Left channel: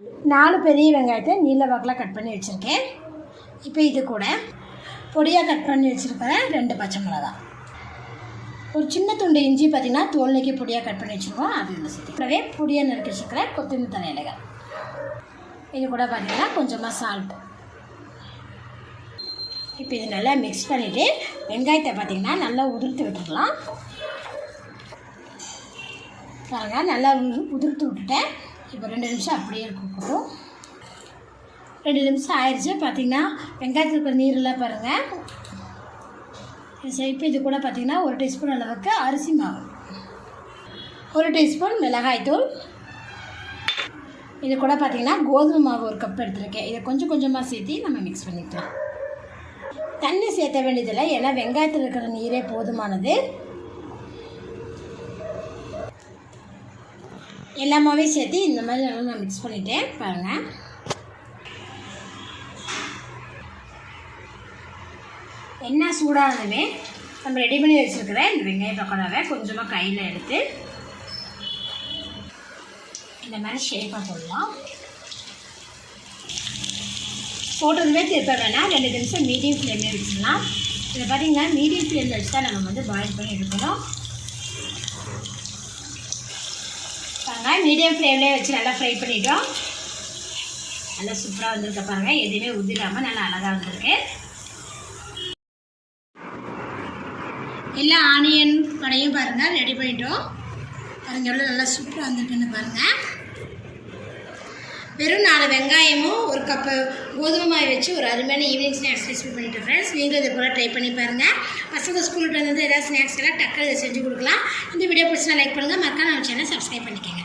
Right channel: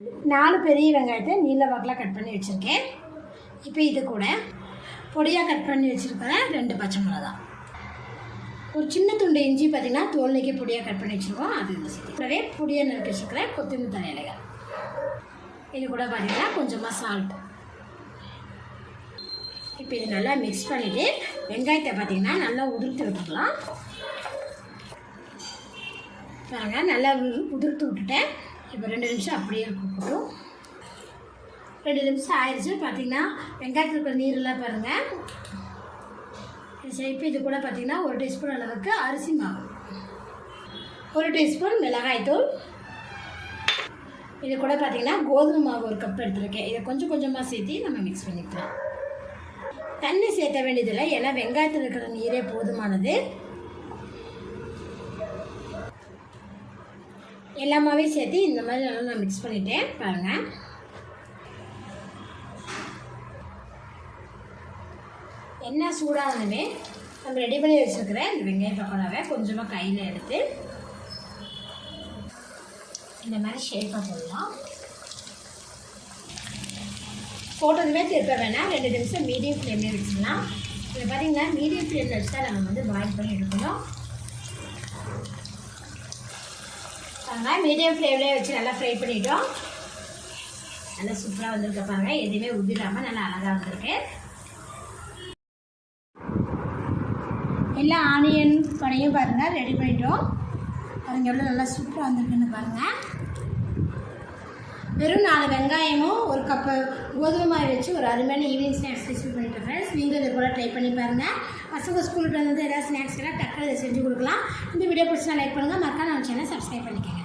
நாலு பெரிய வெங்காயத்தை நீல வாக்கில் கட் பண்ணி வச்சுருக்கேன். இப்போ இது கூட பொடியாக கட் பண்ணி வச்சுருக்கிறேன் ரெண்டு பச்சை மிளகா. ஒரு சின்ன துண்டு இஞ்சி பார்த்திங்கன்னா தோல் நீக்கி பொடியாக கட் பண்ணி வச்சுருக்கோம். அது இதில் பொடியாக நறுக்கி வச்சுருக்கிறேன் கொத்தமல்லி தலை இலைகள். இது கூட பார்த்திங்கன்னா கொஞ்சமாக சால்ட் இப்போ இது நல்லா மிக்ஸ் பண்ணிவிட்டு வெங்காயத்தை பார்த்திங்கன்னா நல்லா உதிர்த்து விட்டுக்கலாம் பாருங்கள் நல்லா உதிர்த்து விட்டுட்டேன். இப்போ ரெண்டு நிமிஷம் அப்படியே இருக்கட்டும் ரெண்டு நிமிஷம் ஆயிடுச்சு. பார்த்தீங்கன்னா வெங்காயத்தில் இருக்கிற நீரெல்லாம் பாருங்கள் இப்போ இது கூட பார்த்தீங்கன்னா ஒரு டீஸ்பூன் அளவுக்கு அரிசி மாவு. ஒரு டீஸ்பூன் மிளகாய்த்தூள் இது கூட பார்த்திங்கன்னா கோதுமை மாவு ஒரு கப் எடுத்துருக்கேன். இதை கொஞ்சம் கொஞ்சமாக சேர்த்து நம்ம மிக்ஸ் பண்ணிக்கலாம். தண்ணி சேர்த்த வேண்டியதில்லை. ஏன்னா வெங்காயத்தில் இருக்கிற நீரே போதுமானது. எல்லாமே சேர்த்து இந்த மாதிரி நல்லா நான் மிக்ஸ் பண்ணிட்டேன். பாருங்கள் என்ன சூடானதுமே நம்ம ரெடி பண்ணி வச்சுருக்கிற இந்த வெங்காய பக்கோடாவை கொஞ்சமாக கையில் எடுத்து இந்த மாதிரி ஷேப்பாக போடலாம். போட்டதுமே திருப்ப வேணால் ரெண்டு நிமிஷம் மீடியம் ஃப்ளேம்லேயே வச்சுக்கலாம் இதை பார்த்தீங்கன்னா மீடியம் ஃப்ளேமில் வச்சு தான் நம்ம வந்து பாயில் பண்ணி எடுக்கணும். பாருங்க மீடியம் ஃப்ளேம்லேயே வச்சு நல்லா ஃப்ரை பண்ணிட்டோம். நல்லா சூப்பராக வந்திருக்க பாருங்க. எதுவுமே உதிராமல் நல்லா அழகாக வந்திருக்கு. எல்லா ஆனியன் படையும் பாருங்கள் ரெடி பண்ணிட்டோம். பாருங்க எவ்வளோ நல்லா சூப்பராக வந்திருக்குன்னு பாருங்கள் வெறும் நாலு வெங்காயமும் ஒரு கப்பு கோதுமை மாவு வச்சு ஒரு அருமையான ஈவினிங் ஸ்நாக்ஸ் ரெசிபி பண்ணிட்டு ஃப்ரெண்ட்ஸ் நீங்களும் இது போல் ட்ரை பண்ணி பாருங்கள் பசங்க ஸ்கூலுக்கு வந்து ஏதாவது ஸ்நாக்ஸ் எல்லாம் டக்குனு இதை செஞ்சு கொடுக்கலாம். இந்த வீடியோ பிடிச்சா லைக் பண்ணுங்கள் மறக்காம நம்ம சேனல் சப்ஸ்கிரைப் பண்ணிக்கோங்க.